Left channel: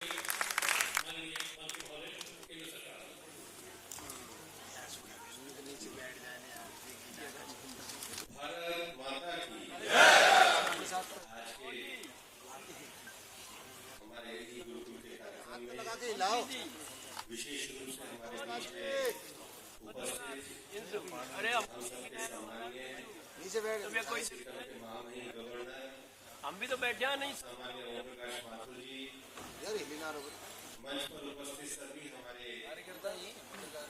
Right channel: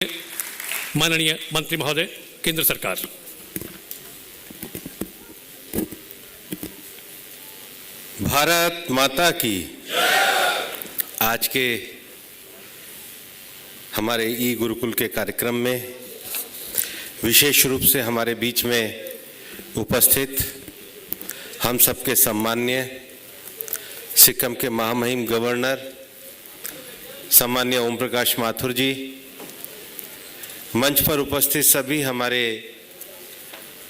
माननीय मंत्री महोदय, केंद्र सरकार। भारत माता की। आज के हमारे ई गुरुकुल के कार्यक्रम में विशेष रूप से हमारे बीच में उपस्थित हम सबके सम्माननीय सिक्किम के महामहिम गवर्नर सम्माननीय ओम प्रकाश माथुर जी, मंच पर उपस्थित सभी हमारे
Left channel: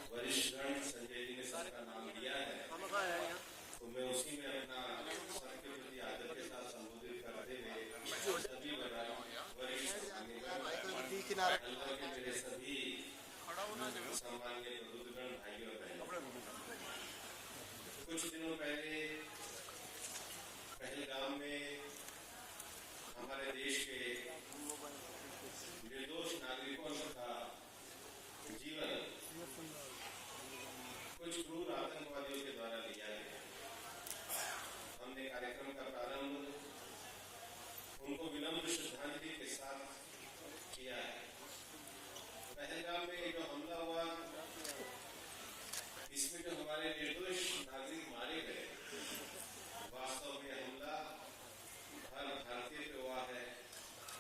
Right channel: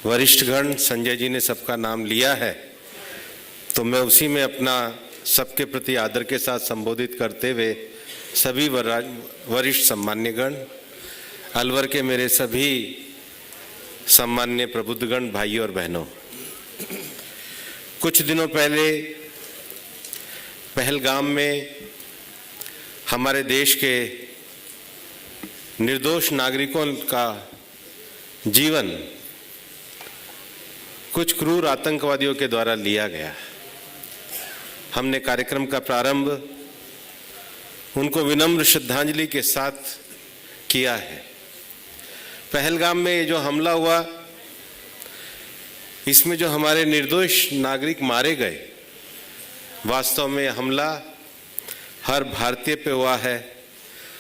वरिष्ठगण, संजय जी ने सबका नाम लिया है, तो मैं उसी में अपना सबके प्रति आदर के साथ संबोधित करते हुए सभी वरिष्ठ सम्मान्यगण, अलवर के मेरे सभी सम्मान्य प्रबुद्धगण, भाइयों और बहनों, कुछ दिनों पहले पहलगाम में हमारे देश के निर्दोष नागरिकों का जीवन कुछ क्रूर आतंकवादियों के द्वारा लिया गया। हमने कार्यक्रम का प्रारंभ उनको विनम्र श्रद्धांजलि के साथ किया है। पहलगाम में ये जो हमला हुआ, इसमें जो हमारे निर्दोष नागरिक मारे गए, वास्तव में हमला हर भारतीय पे हुआ है।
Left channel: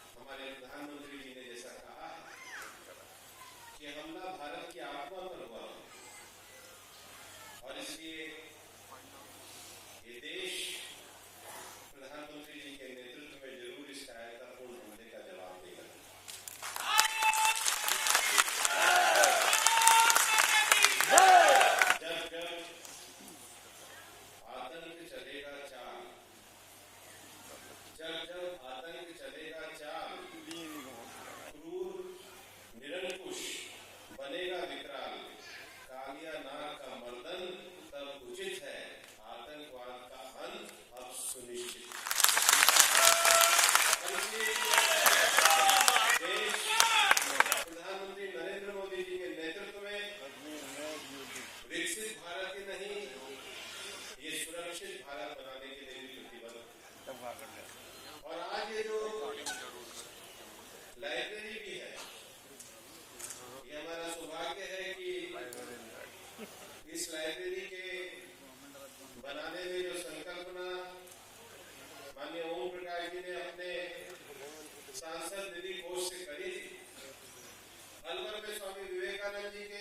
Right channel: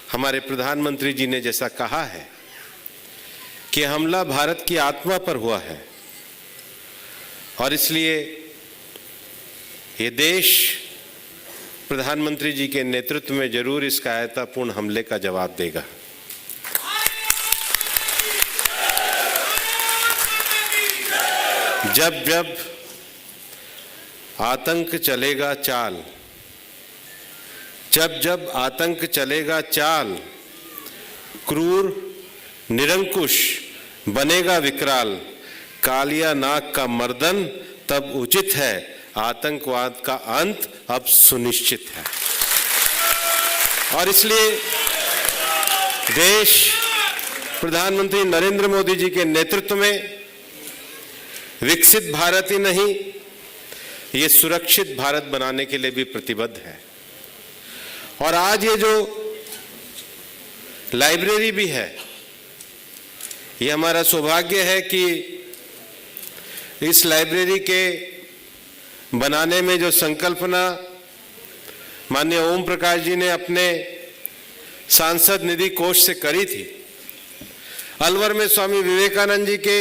हमारे प्रधानमंत्री जी ने जैसा कहा है कि हमला भारत की आत्मा पर हुआ है और इसलिए ये देश प्रधानमंत्री जी के नेतृत्व में जरूर इस कायरतापूर्ण हमले का जवाब देगा। जब जब आतंक चलेगा चाल, जब जब आतंक चलेगा चाल, क्रूर निरंकुश बनेगा विकराल, कालिया नाग का मर्दन तब उचित है, आतंकवाद का अंत अब सुनिश्चित है। और इसलिए देश प्रधानमंत्री नरेंद्र मोदी जी के नेतृत्व में विकसित भारत ही नहीं, ये सुरक्षित भारत बनाने के लिए भी प्रतिबद्ध है। और आज ये जो लाइब्रेरी भी है, ये हमारा सौभाग्य है कि इस लाइब्रेरी के बनाने में जो संकल्पना माननीय ओम प्रकाश जी ने अपने सांसद निधि कोष से करी थी, अलवर में स्वामी विवेकानंद जी के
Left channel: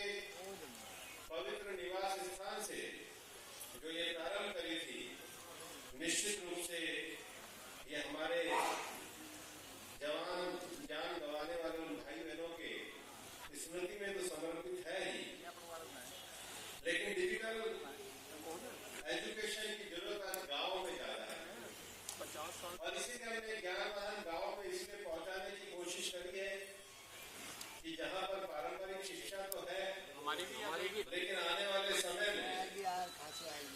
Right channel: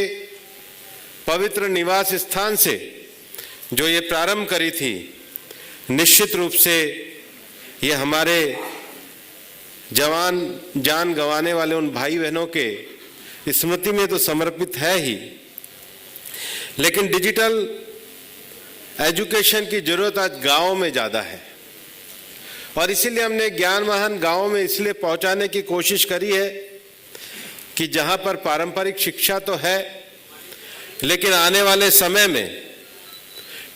पवित्र निवास स्थान से जो ये प्रारंभ करी थी, निश्चित रूप से ये हमारे जवान जान गंवाने वाले उन भाई बहनों के स्मृति में तो समर्पित है ही, लेकिन डिजिटल एजुकेशन की जरूरत आज गांव में ज्यादा है और इसीलिए हमने ज्ञानवाहन गांव में इसलिए पहुंचाने की कोशिश करी है कि जहां पर पारंपरिक शिक्षा तो है, लेकिन आने वाले समय में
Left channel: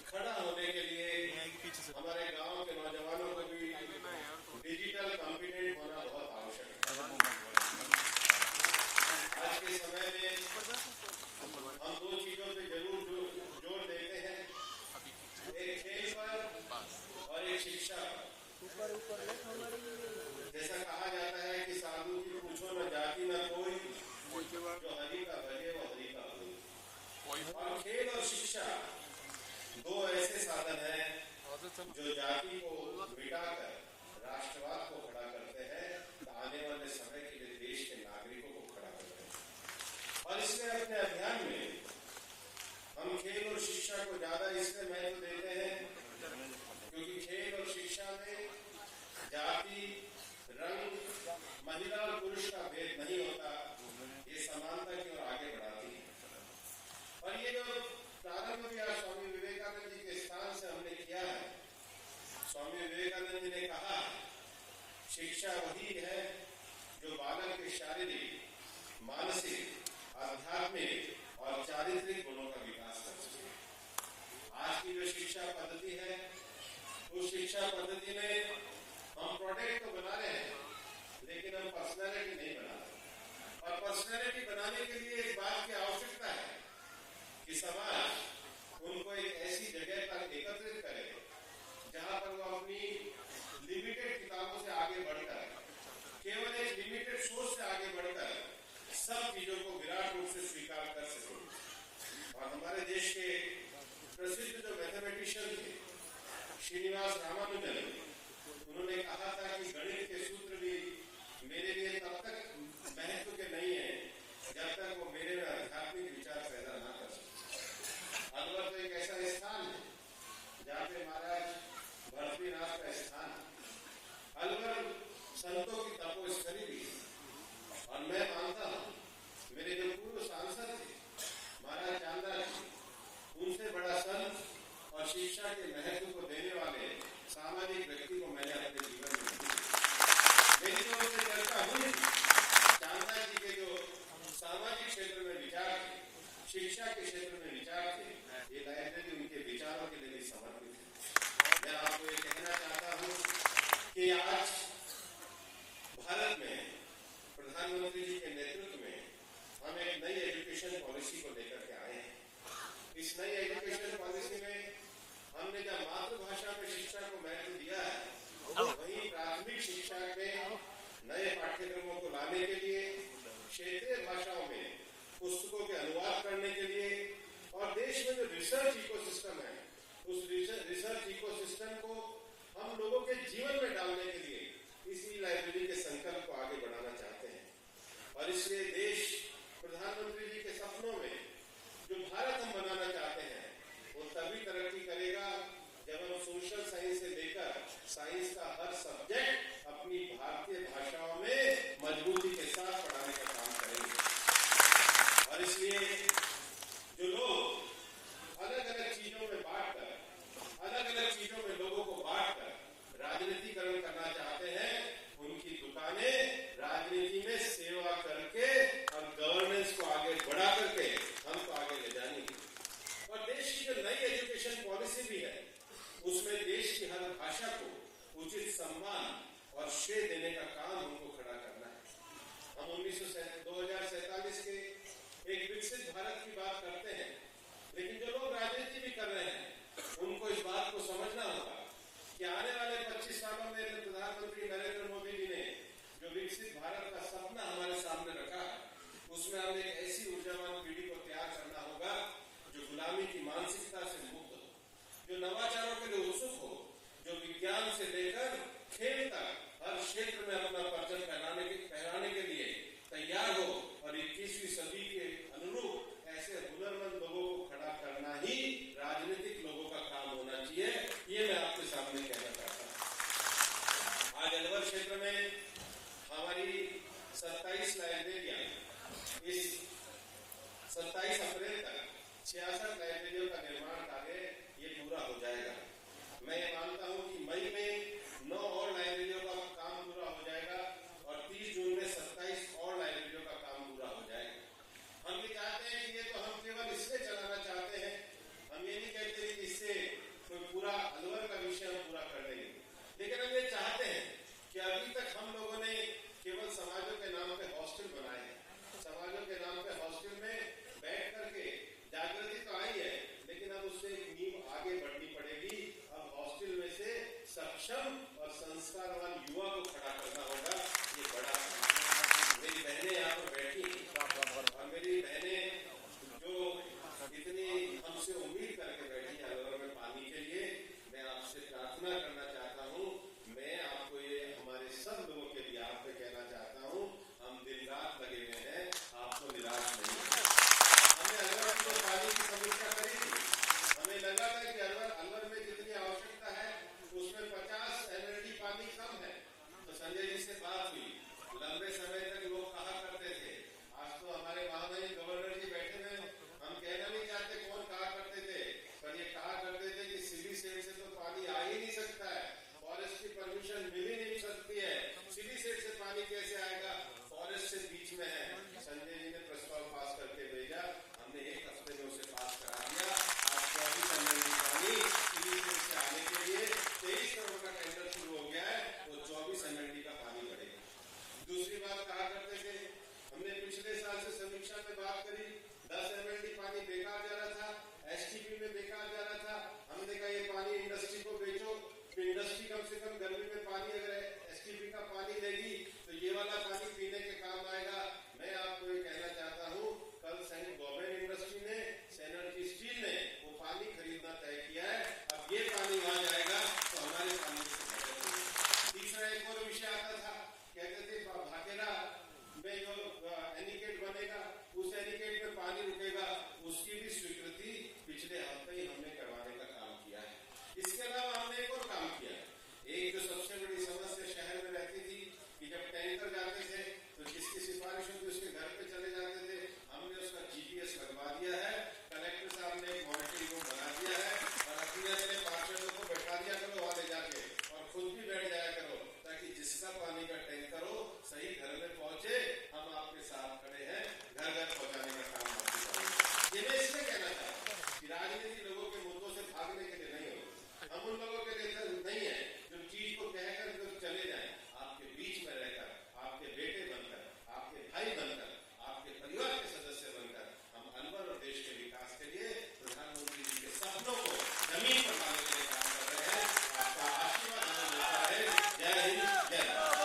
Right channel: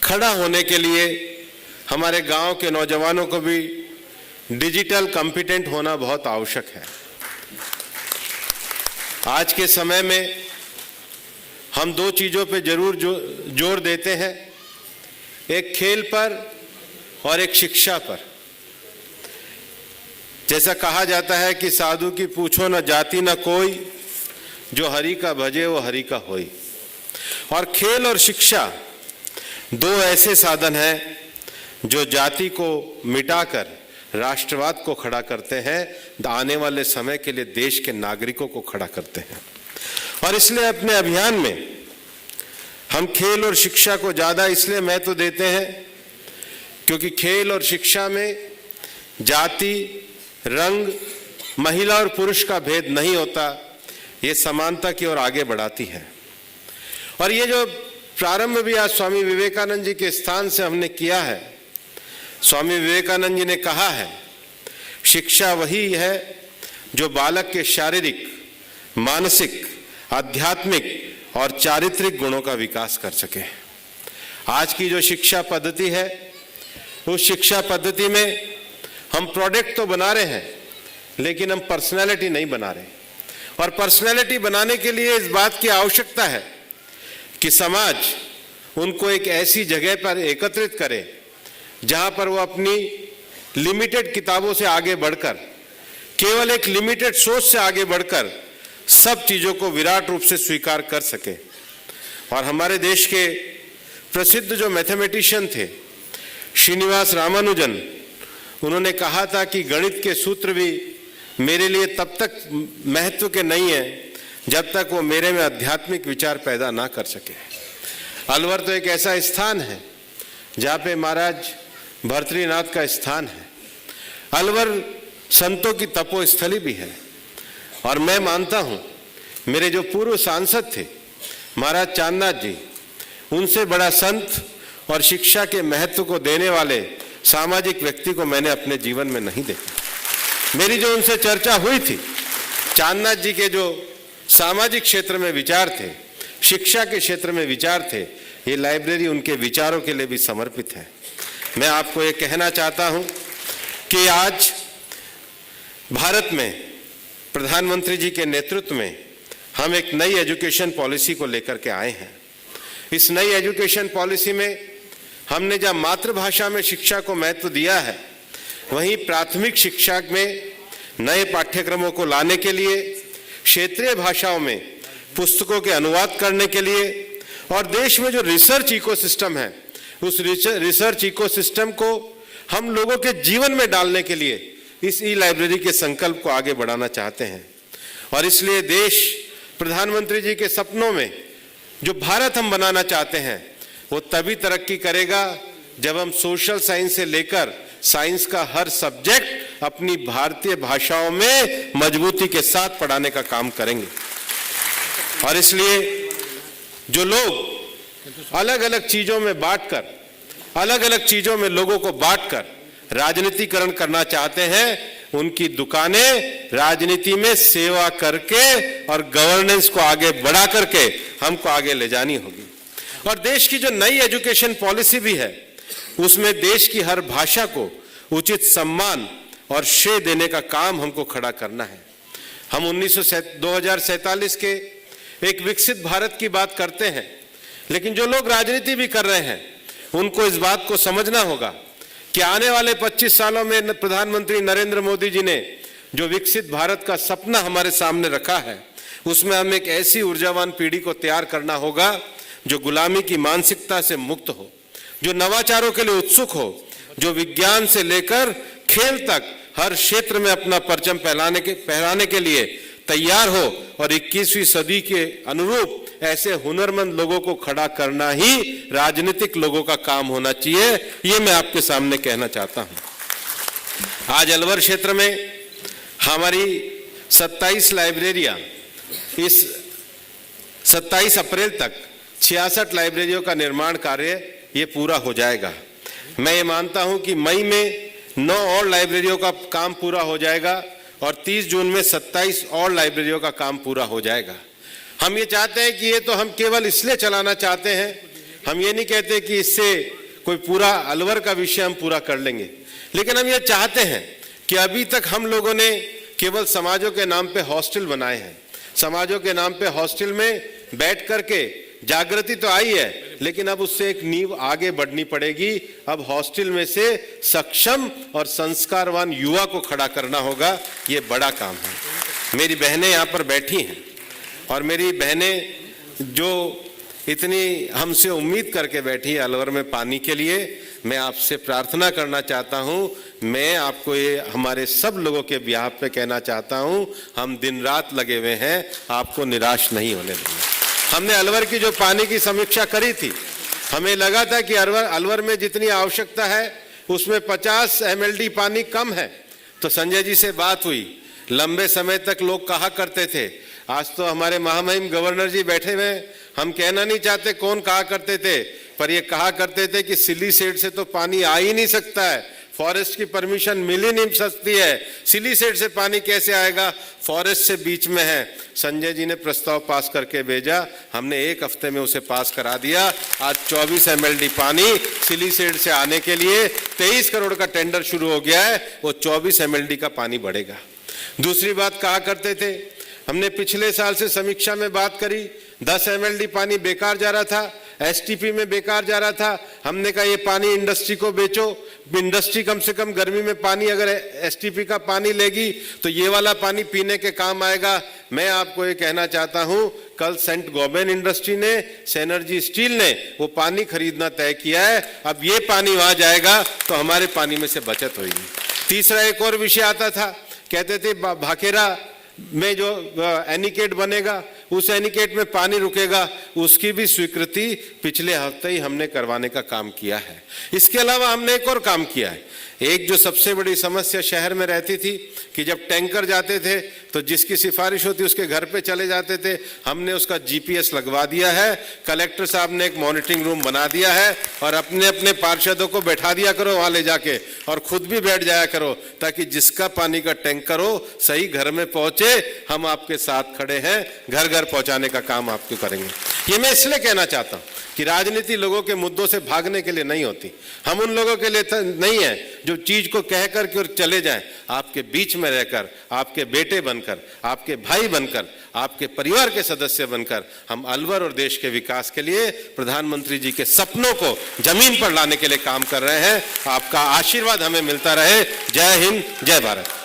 खड़ा होने के लिए हमारे गांव के नौजवानों को भी डिजिटल कॉम्पिटेंट होना बहुत आवश्यक है। आज के समय में हम दो चीजों पे जरूर जोर देते हैं, एक खेल पर और एक शिक्षा पर। जैसा कहा जाता है कि साधु की पूछो न जाति न कोई, जो हरि का भजे वो हरि का होई। और खेल और शिक्षा दो ऐसे साधन हैं जो जाति को मिटाकर राष्ट्रवाद को खड़ा करते हैं, आने वाले समय के लिए देश के नागरिकों को खड़ा करते हैं। और इसलिए अपने अभियान में हम खेल और शिक्षा को ज्यादा इसलिए महत्व देते हैं क्योंकि खेल और शिक्षा में जाति, रंग, महिला और पुरुष का भेद नहीं होता, ये समानता की ओर आगे बढ़ाती है। और ये जो प्रारंभ भी आज स्वामी विवेकानंद जी के स्थान से हमने किया है, स्वामी विवेकानंद जी ने कहा है, शिक्षा वही है जो बालक के शारीरिक, मानसिक, आध्यात्मिक और चारित्रिक गुणों का विकास कर सके। आज की जो शिक्षा पद्धति है, उस शिक्षा पद्धति में हम प्रोडक्ट तो बना रहे हैं, लेकिन हम पर्सनैलिटी नहीं बना रहे। और पर्सनैलिटी बनाने के लिए इस बात की आवश्यकता है कि समाज उनको एक ऐसी जगह पर एकत्रित करे जहां पर वो अपनी लिमिटेड किताबों से आगे बढ़कर केवल एक लिमिटेड सोच से आगे बढ़कर सब चीजों को विराट रूप से स्वीकार कर सके। और हमारे देश के प्रसिद्ध जो मैथमेटिशियन थे श्रीनिवास रामानुजन, उन्होंने कहा था कि गणित के सूत्र भी मेरे लिए तब तक महत्व के नहीं है जब तक वो मेरे में आध्यात्मिक विचार पैदा ना कर सके। अलवर तो एक ऐसा स्थान है जहाँ पे महाराज भर्तृनाथ का स्थान है। अलवर संतों की तपोस्थली भी है। और मैं मानता हूँ मेरे जो पूर्व सांसद थे महाराज चांदनाथ जी, उनसे बड़ा संत और शिक्षा के महत्व को देने वाले सामाजिक व्यक्ति को मैंने अपने जीवन में नहीं देखा। मेरी जो उनसे चर्चा हुई थी, चांदनाथ जी के जो सामाजिक क्षेत्र में विचार थे, शिक्षा के क्षेत्र में विचार थे, ये लाइब्रेरी उनके विचारों के लिए भी समर्पित है। मैं आपको ये कहना चाहता हूं कि आज भारत में प्रधानमंत्री जी के नेतृत्व में हम एक नई एजुकेशन पॉलिसी को लेकर के आए हैं। इस नई एजुकेशन पॉलिसी में हमने जब मातृभाषा में शिक्षा को महत्व दिया है, वहीं प्राथमिक शिक्षा में नए पाठ्यक्रमों को लाने के लिए, क्षेत्रीय भाषाओं में पुस्तकों के अनुवाद करने के लिए और देश में जो रिसर्च इकोसिस्टम है, उस रिसर्च इकोसिस्टम को हम लोगों के जीवन में डालने के लिए इस ई लाइब्रेरी के संकल्प को आगे बढ़ाना चाहते हैं। और इसलिए देश प्रधानमंत्री जी के सपनों में जो भारत हम बनाना चाहते हैं, वो तभी तरक्की करेगा जब हम सोशल साइंस से लेकर साइंस का हर सब्जेक्ट अपनी भारतीय भाषाओं में मजबूती के साथ पढ़ाने का काम करेंगे। और इसलिए जो लोग अलग अलग चीजों में बांटकर, अलग अलग चीजों में लोगों को बांटकर राजनीतिकरण करना चाहते हैं, उनकी दुकानें राजनीति में सेवा करके और गवर्नेंस को आगे बढ़ा करके हमको आगे ले जानी होगी। और देश की जो नई एजुकेशन पॉलिसी भी है, उसमें देश की हर भाषा को उचित सम्मान और श्रेय देने का काम हमको खड़ा करना है। हम 2047 के एक विकसित भारत की बात करते हैं, लेकिन जो लोग राजनीति भी कर रहे हैं, उनको इस बात को समझना होगा कि आने वाले 25 सालों में प्रधानमंत्री नरेंद्र मोदी जी ने जो विकसित भारत का सपना हमारे सामने रखा है, उसमें हमें एक ऐसी ऊर्जावान पीढ़ी को तैयार करना होगा जो गुलामी की मानसिकता से मुक्त हो, जो नवाचारों के लिए उत्सुक हो, जो विज्ञान से लेकर खेल तक हर क्षेत्र में अपना परचम फहराने के लिए तैयार हो और 21वीं सदी के अनुरूप ऐसे हुनरमंद लोगों को खड़ा करना ही राजनीतिक लोगों का काम होना चाहिए। ये मैं आपके सामने कहना चाहता हूं। आज अलवर क्षेत्र में हमारी 27 लाइब्रेरियां, इस 27 अप्रैल तक 66 लाइब्रेरियों का निर्माण कार्य ये पूरा हो जाएगा। मैं ये मानता हूं कि मई में 9 और लाइब्रेरियों का काम पूरा हो जाएगा और 30 जून में 27 और लाइब्रेरियों का काम पूरा हो जाएगा। हम ये चाहते हैं कि ये तो हम केवल इसलिए चलाना चाहते हैं, हम ये नहीं कहते कि इससे कोई पूरा अलवर का विषय हम पूरा कर लेंगे, लेकिन हम ये चाहते हैं कि अभी तक हम लोगों ने केवल समाजों के नाम पे हॉस्टल बनाए हैं। समाजों के नाम पे हॉस्टल में बैठ करके जागृति तो आई है, लेकिन अब उससे एक नींव आगे बढ़नी पड़ेगी। अब हॉस्टल में से सक्षम और संस्कारवान युवा को खड़ा करना होगा, ये बड़ा काम है। मेरी बहनें यहाँ पर बैठी हैं और मेरी बहनें जो इतनी हमसे उम्मीद करके बैठी है अलवर में पानी के लिए, मैं आपसे प्रार्थना करना चाहता हूँ, मैं आपको ये हमारे सब लोगों के बिहाफ पे कहना चाहता हूँ, हम दिन रात लगे हुए हैं, आपको निराश नहीं होने देंगे। हमने अलवर की जो पानी की समीक्षा करी थी, हमें लगा था कि अलवर में जितनी आवश्यकता है उसमें 50 MLD पानी कम है। तो संजय जी से बात हुई, लंबे समय तक लोग कहा करते थे, आज तो हमारे महामहिम गवर्नर जी बैठे हुए, हम कहना नहीं चाहते कौन कहा करते थे, पर ये कहा करते थे कि सिली सेट से तो पानी आ ही नहीं सकता है, फॉरेस्ट की परमिशन मिल ही नहीं सकती है, सिली सेट से पानी कैसे आएगा, फॉरेस्ट से बीच में है। संजय जी ने प्रस्ताव पास करके भेजा, हमने 1 हफ्ते में उसे पास करा दिया। आज 24 MLD पानी सिली सेट से आने के लिए 23 करोड़ का टेंडर शुरू हो गया है, वो 24 MLD का पानी बढ़ेगा। दूसरी बात कहा करते थे, हमने पिछले साल से समीक्षा में बात करी, 10 MLD पानी बेकार जा रहा था, एसटीपी में बेकार जा रहा था। हमने कहा ये पानी इंडस्ट्री को बेचो, इंडस्ट्री कम से कम गर्मी में पानी अगर एसटीपी का पानी लेगी तो ये वाला पानी पीने के काम आएगा। मैं आपको ये कहना चाहता हूं, कल सेंट गोबेन इंडस्ट्री ने, सेनर्जी स्टील ने वो पानी खरीदना तय किया है। अब ये पानी वहां जाएगा तो हमारे पानी में से बचत होगी। तीसरा एक और विषय आता था, कहते थे भाखेरा में जो एनीकेट बनेगा उस एनीकेट में पानी रुकेगा, उसकी भी स्वीकृति पिछले हफ्ते ही हमने करवाने का काम किया है। इसके अलावा हमने एक और काम किया है। एक जो सबसे बड़ी समस्या शहर में रहती थी कि जब टैंकर जाते थे तो जिसकी सिफारिश होती उसके घर पे चले जाते थे, हमने उसका जीपीएस लगवा दिया है। कलेक्टर साहब ने एक मॉनिटरिंग रूम बना दिया है और अपने अपने पार्षदों को बैठा दिया करो वहां ले जाके, और खुद भी बैठ जाया करो, ताकि जिसका पानी का टैंकर हो सही घर में पहुंचे। हम आपके साथ खड़े हैं, घर घर पहुंचाने का काम आपको करेंगे। ये मैं इसलिए कहना चाहता हूं कि राजनीति लोगों के मुद्दों से भागने के लिए नहीं होती। हम उन लोगों के लिए नहीं है जो चीज को कह करके और चले जाएं। आपके बीच में रहकर, आपके बेटे बनकर, आपके भाई बनकर, आपके परिवार के सदस्य बनकर हम अलवर और देश के विकास के लिए प्रधानमंत्री जी के सपनों को जमीन पर लाने के लिए काम कर रहे हैं। आपका आशीर्वाद हमें मिलता रहे। जय हिंद, जय भारत।